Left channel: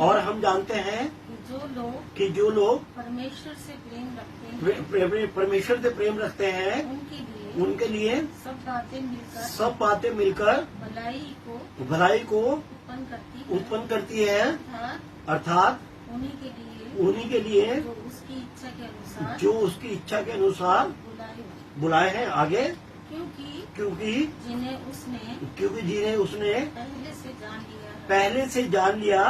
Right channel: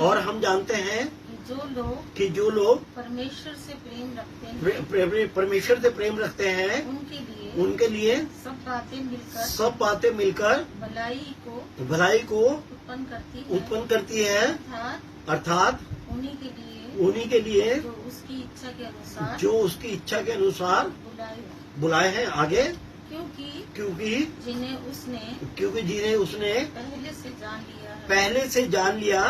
और हम जानते हैं कि जो लोग परमेश्वर से प्रेम रखते हैं, परमेश्वर से प्रेम रखते हैं, उनके लिए सब बातें मिलकर भलाई को उत्पन्न करती है, अर्थात उन्हीं के लिए जो उसकी इच्छा के अनुसार बुलाए हैं। आगे क्योंकि जिन्हें उसने पहले से जान लिया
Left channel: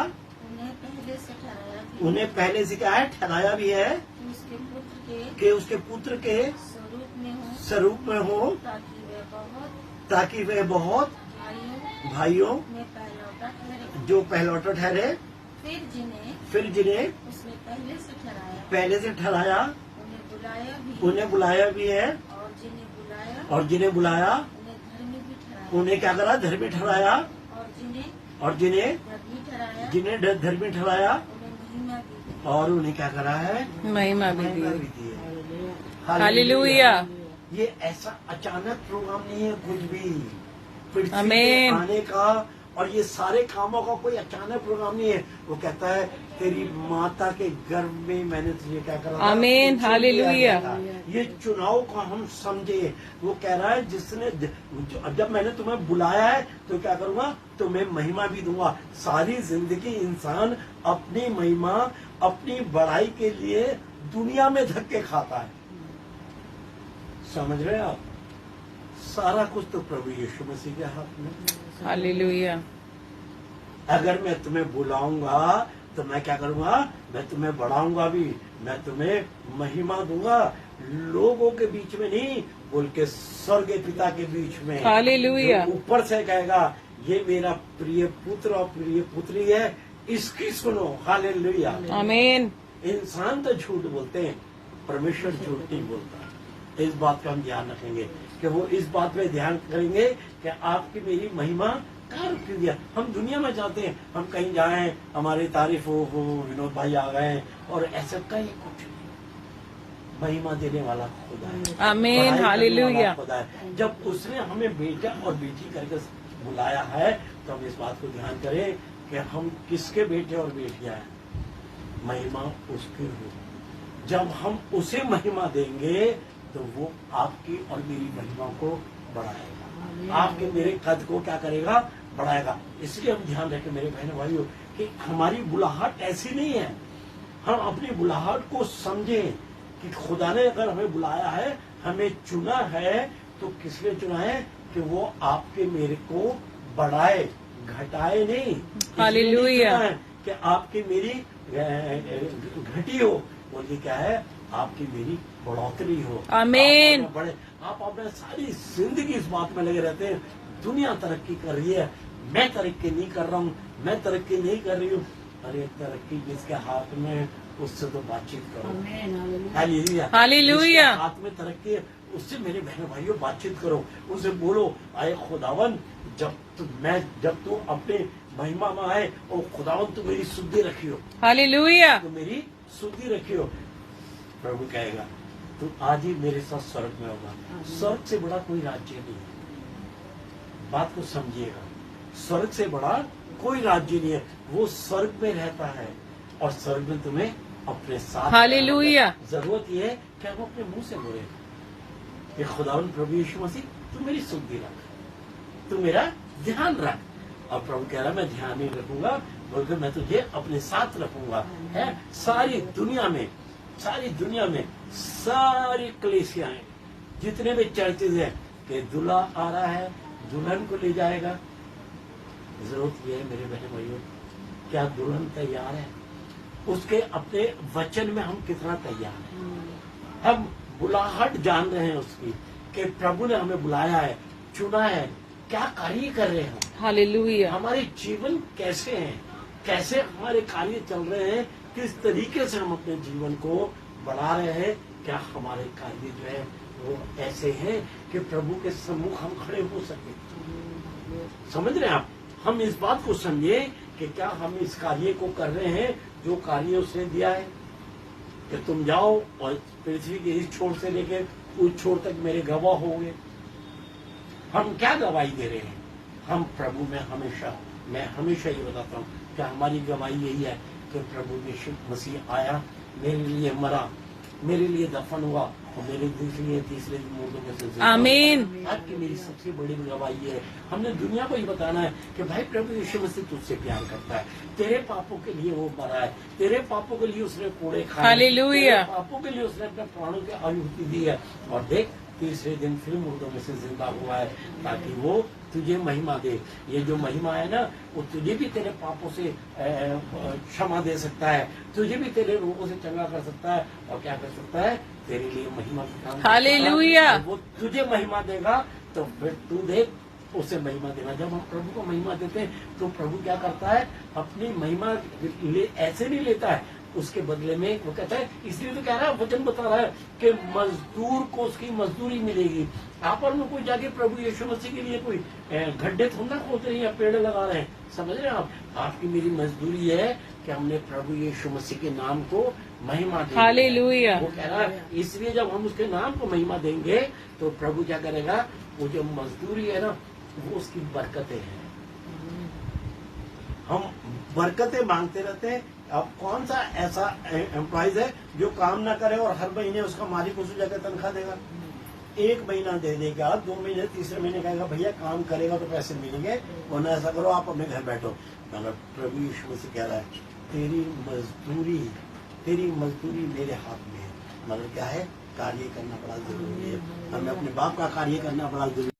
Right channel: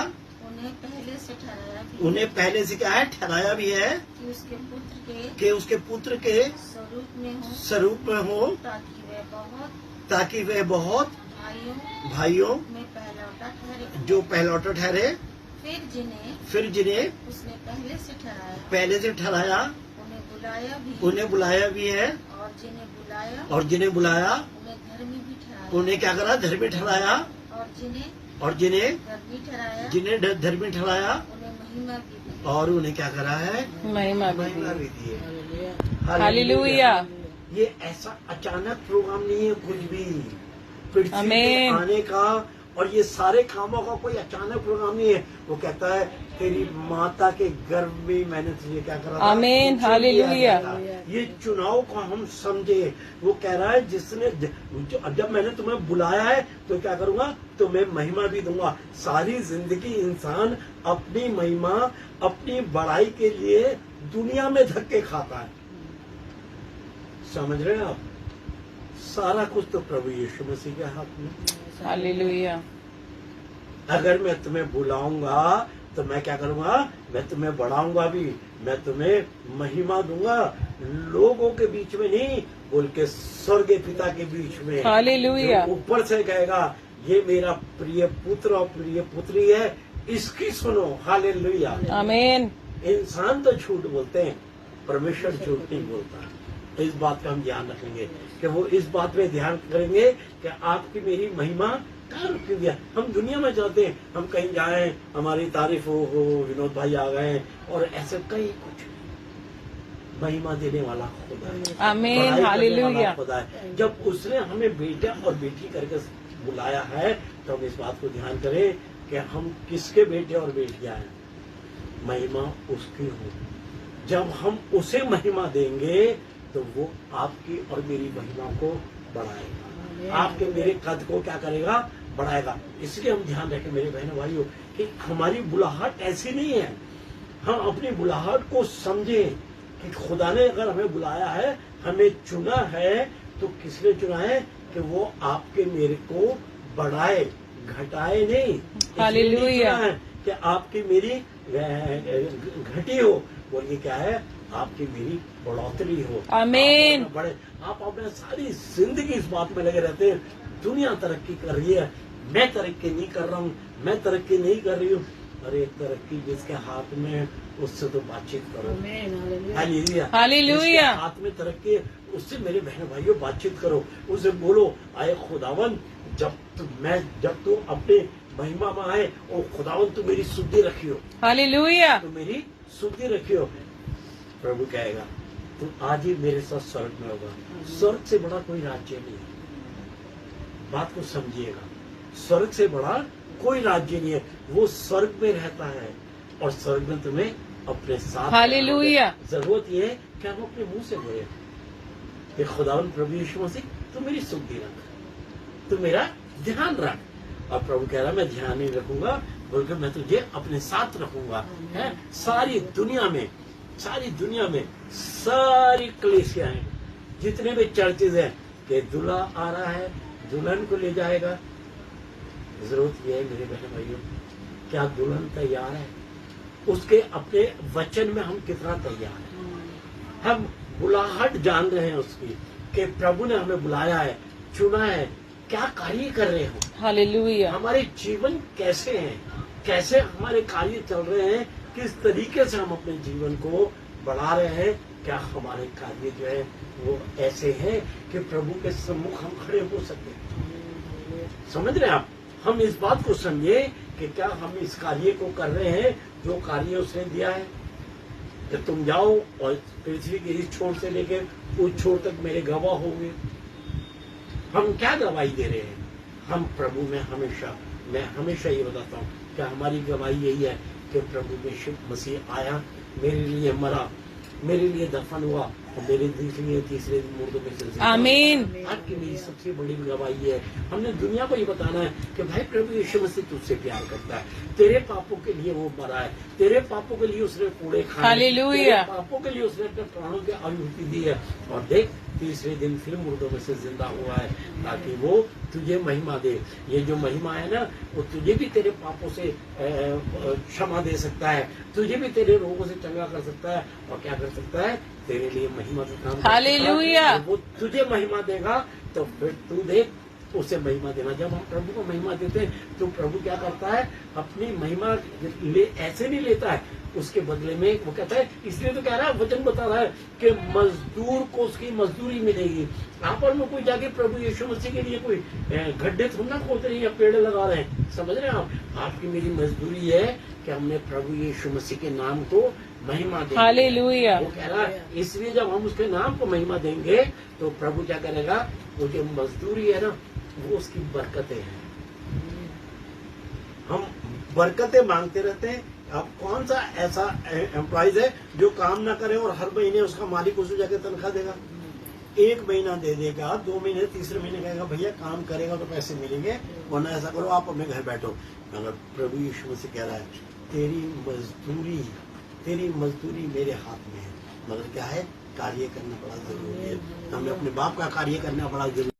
उन्हें पहले से क्या है, ठहराया भी है कि उसके पुत्र के स्वरूप में हो, ताकि वह बहुत भाइयों में जो पहलौठा ठहरे। फिर जिन्हें उसने पहले से ठहराया उन्हें बुलाया भी है, और जिन्हें बुलाया उन्हें क्या करा, धर्मी ठहराया। और जिन्हें धर्मी ठहराया और उन्हें क्या करा है, महिमा दी है। हालेलुया। ये ऐसा अचानक प्रोग्राम नहीं है कुछ भी, पृथ्वी पे आमीन। आने का और ये सारे कामों का कोई अचानक प्रोग्राम नहीं है। वो कहता है तेरी माता के गर्भ में मैंने तुझे क्या करा था, आमीन। हालेलुया। ये चुनाव को हम समझे। वो कह रहा है जिसने जब मैंने तुम्हें बुलाया है तो क्या करूंगा, तुम्हें महिमा भी दूंगा। सारी जिंदगी इंसान अपनी महिमा अपनी बड़ाई के लिए दुनिया में धक्के खाता है। समझ रहे हैं आप, सारा कुछ तो प्रभु यीशु मसीह के हाथ में। हालेलुया। अगर मैं तुम्हें बुलाऊंगा तो मैं क्या करूंगा, मैं तुम्हें बढ़ाऊंगा भी, मैं तुम्हें महिमा दूंगा, लोगों के बीच में नहीं बोल के स्वर्ग पिता के बीच में। हालेलुया। ऊपर से कहेगा ये मेरा प्रिय पुत्र और प्रिय पुत्री है, इसकी सुनो। हालेलुया। आमीन। इंसान तो झूठ बोलते हैं, परमेश्वर झूठ नहीं बोलता है। इस बात का हम ध्यान रखेंगे कि वो इस बात पे ध्यान करेंगे कि आपकी मेरी महिमा कहाँ रुकी हुई है। हम दुनिया में चलते हैं, हम कहीं जाए हमारी तारीफ हो विनोद भाई आ गए और ऐसे कहीं कुछ नहीं। महिमा देने वाला खुदा है, आमीन। बड़ाई करने वाला हालेलुया। खुदा है। जब उसने हमें बेटा और बेटी करके बुलाया है तो हम इस बात को ध्यान करें कि हम किसके बेटे और बेटियां हैं। महिमा उसकी हो। जब हम उसे महिमा देंगे तो वो आपकी और मेरी महिमा को बढ़ाएगा, आपके मेरे कद को क्या करेगा, बढ़ाएगा। इसलिए हम ध्यान रखें मेरे बहनों भाइयों कि हमारी बुलाहट ऐसी नहीं है। हम अपनी बुलाहट को समझें कि खुदा ने अगर हमें बुलाया है, हमें चुना है, तो किस लिए चुना है कि वो आपके मेरे को बढ़ाए, घटाए नहीं। हालेलुया। कि आपकी मेरी घटी हो, बोलिए क्या है, आपकी मेरी बढ़ोतरी हो। आमीन। आप अपने सारी जिंदगी इस बात में लगे रहते हैं, दुनिया तरक्की कर रही है, मैं तरक्की नहीं कर रहा हूँ, मैं तरक्की नहीं कर रही हूँ। अरे तरक्की जिसके हाथ में, उससे तो बातचीत करो। हालेलुया। हालेलुया। जिसके हाथ में तरक्की है उससे मेरे बहनों भाइयों बातचीत करो, उसे बोलो आए खुदावन, जब तू अपने महिमा में आए और खुदावन तू मेरी शुद्धि रखियो। हालेलुया। तो मेरी शुद्धि रखियो। प्रभु कहेगा तू आज ही मेरे साथ स्वर्ग में होगा। स्वर्ग से बड़ा कोई राज्य नहीं है, बात को समझिएगा। स्वर्ग से बड़ा कोई राज्य नहीं है। वो स्वर्ग में रहता है और स्वर्ग में तुम्हें अपने साथ। हालेलुया। जरूरत ये है कि हम अपने मुंह से बोले कि खुदावन प्रभु यीशु मसीह तू मेरी शुद्धि रख, तू मेरा ध्यान रख। और प्रभु कह रहा मैं ध्यान नहीं रखूंगा, बल्कि मैं तुझे अपने साथ रखूंगा। है सारी दुनिया में सारी कलीसियाएं, जितने भी चर्चेज हैं कि दूल्हा आ रहा है, दुल्हन को ले जाएगा। जरूरत यह है मेरे बहन भाइयों, क्या दुल्हन तैयार है? उसके अपने वचन में हम कितना तैयार हैं? हम बुलाहट जान रहे हैं उसकी कि प्रभु ने हमें बुलाया है, चुना है, क्या कार्य कर रहे हो? हालेलुया। हमारे जीवन कैसे हैं, कैसे हमारे कार्य चल रहे हैं, किस तरीके से हम अपने जीवन को बढ़ा रहे हैं? क्या हमारे कार्य जो है वो ऐसे हैं कि प्रभु के सम्मुख हम खड़े हो सके? समझ रहे हैं आप? हम इस बात को समझे कि क्या हम इस कार्य को कर रहे हैं जो कार्य उसने दिया है कि तुम जाओ और पृथ्वी के इस छोर से लेकर उस छोर तक मेरे गवाह होंगे। हम क्या गवाही दे रहे हैं? हम प्रभु में हमेशा, मैं हमेशा ये बताता हूँ, कि हमारी गवाही यही है कि प्रभु यीशु मसीह आया, मेरे लिए मरा, मेरे लिए दफन हुआ और मेरे लिए तीसरे दिन मुर्दों में से जिंदा हुआ। आमीन। आज की मेरी सबसे बड़ी गवाही है, हमने दुनिया को ये बताना है कि भाई प्रभु यीशु मसीह तुझसे प्यार करता है, तेरे पापों के लिए वो मरा है, तेरे पापों के लिए उसने कोड़े खाए, हालेलुया। तेरे पापों के लिए उसने अपने प्राणों की आहुति दी है और देख तीसरे दिन फिर मुर्दों में से जिंदा हुआ है ताकि वो तुझे महिमा दे। ये जो महिमा है ना, वो तुझे भी तेरे पापों से क्षमा दे सकता है, तुझे भी तेरे रोगों से चंगा कर सकता है और क्या कर सकता है, तेरे लिए महिमा का काम कर सकता है। हालेलुया। वो तुझे महिमा देगा तो फिर तू देख उसे महिमा देना। जब हम प्रभु को महिमा देते हैं तो प्रभु क्या करता है, अपनी महिमा ऐसे नहीं लेता है, उसके बदले में वो कहता है, इसलिए तो कह रहा है, वचन बता रहा है कि मजदूर को उसकी मजदूरी मिलेगी। आप और में कोई जाके प्रभु यीशु मसीह के लिए कोई गड्ढे थोड़ा ना खोद रहे हैं या पेड़ लगा रहे हैं, समझ रहे हैं आप। आपकी मेरी मजदूरी है कि हमने प्रभु यीशु मसीह के नाम को महिमा देंगे। हालेलुया। वो कह रहा है, इसलिए जब हम उसके नाम को महिमा देंगे तो प्रभु क्या करेगा, वो जो मजदूरी है ना, वो उसकी बरकतें हैं। हम बरकतें मांगते रहते हैं। अब कौन सा ऐसा एम्प्लॉइज है जो काम ना करे और हर महीने उसका मालिक उसे जाकर तनख्वाह देगा? एक महीना दे देगा, 2 महीने, तीसरे महीने कहेगा भैया काम करेगा तो पैसे मिलेंगे, वरना ऐसा करो आप अपने घर बैठो। मगर प्रभु यीशु मसीह कह रहा है, तेरी मजदूरी मेरे हाथ में है। मगर क्या है, कार्य करना बड़ा जरूरी है। हमें अपने बाप का कार्य करना बड़ा जरूरी है।